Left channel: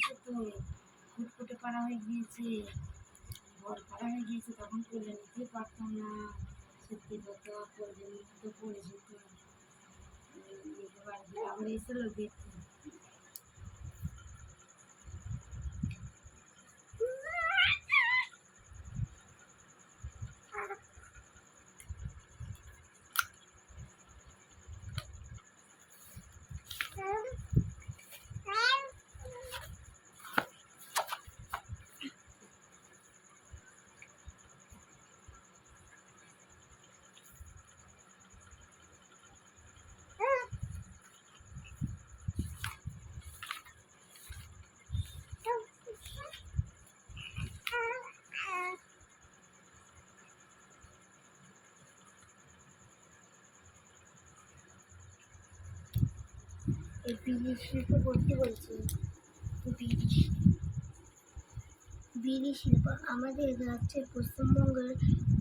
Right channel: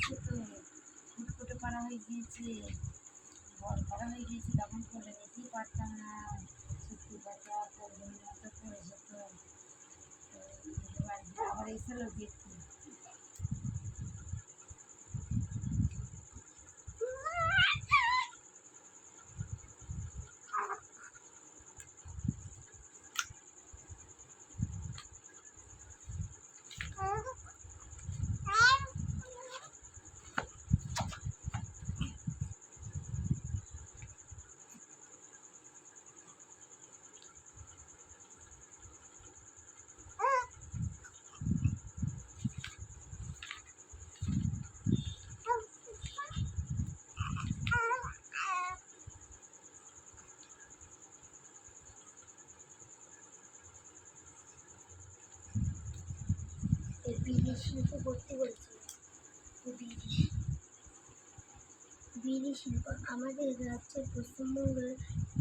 গিয়েছে তো, ফুটফুটে পাড়া হয়ে গিয়েছে, বর পাড়া হয়ে গিয়েছে, তখন কোলে নিতেই পারতাম না। সত্যি কথা, কোলের মতো পড়ে যেত। বাড়িতে আবার এসেছিল দেখতে। বিড়ি শিল্প করতে বলছি। বিড়ি শিল্প আমাদের রাজ্যের পশ্চিমবঙ্গের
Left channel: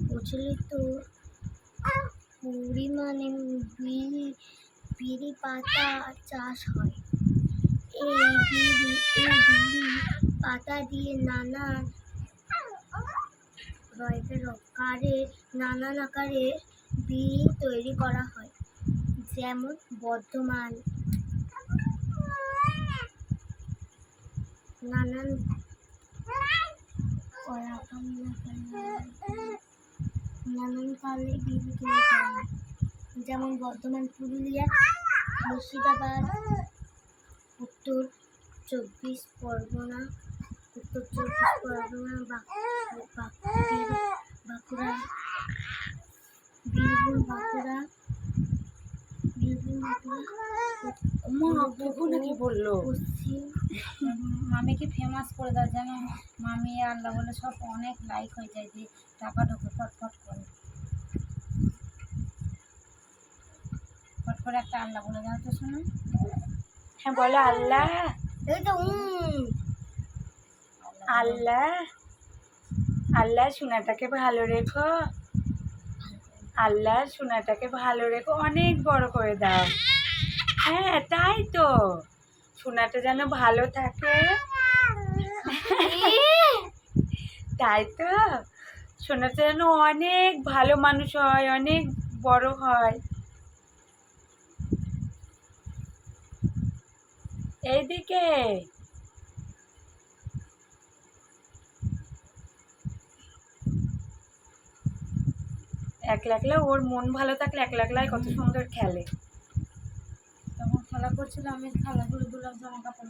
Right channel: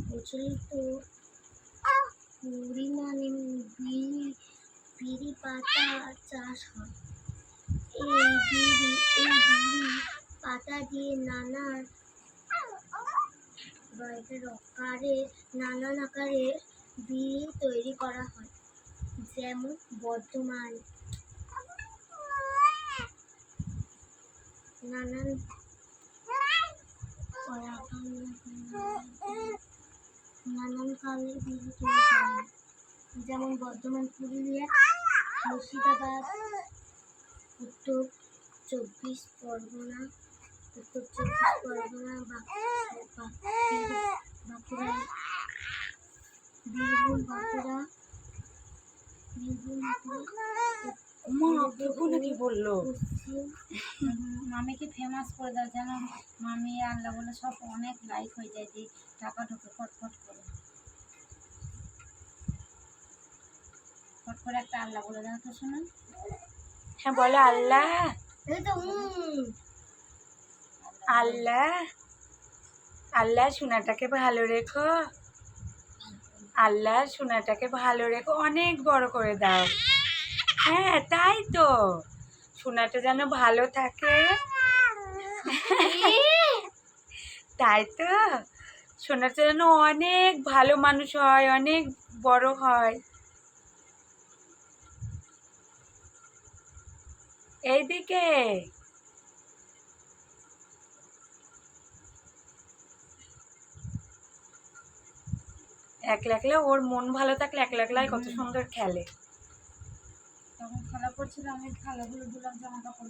প্রচলিত পরিমাণে বিড়ি পাতা চাষ হয়। এই বিড়ি পাতা দিয়ে নানান আকারে বিড়ি তৈরি করা হয়, যেমন বর্ধমান নানান কালে বিড়ি তৈরি করা হয়, যেমন বর্ধমান, পুরুলিয়া, মুর্শিদাবাদ, উত্তর চব্বিশ পরগনা, বাঁকুড়া, বীরভূম, নাকি বললো মামিকে ফেমাস করে দাও, যেন মামি আল্লাহ বলে সব অনেক লাইক হয়ে যায়, যে টাকা ঢোকে ফটফট করে। ফট করে একটা আল্লাহ বলে দাও তো শোনা। হ্যাঁ বলো আল্লাহ। এই তো আল্লাহ আল্লাহ সোনাটাকে ভালো রেখো, আল্লাহ সোনাটাকে ভালো রেখো, অনেক বড় করে দাও। হ্যাঁ তাই তো, সোনাটা যেন ভালো থাকে। তাই তো, সোনাটা যেন অনেক ভালো মানুষ হয়, অনেক বড় হয়। এইদিকে একলা একলা, ওর মন ভালো থাকলে একলা একলাই কত সুন্দর খেলে। তখন খেলা করছিল, আমি খেলাধুলো জামা কাপড়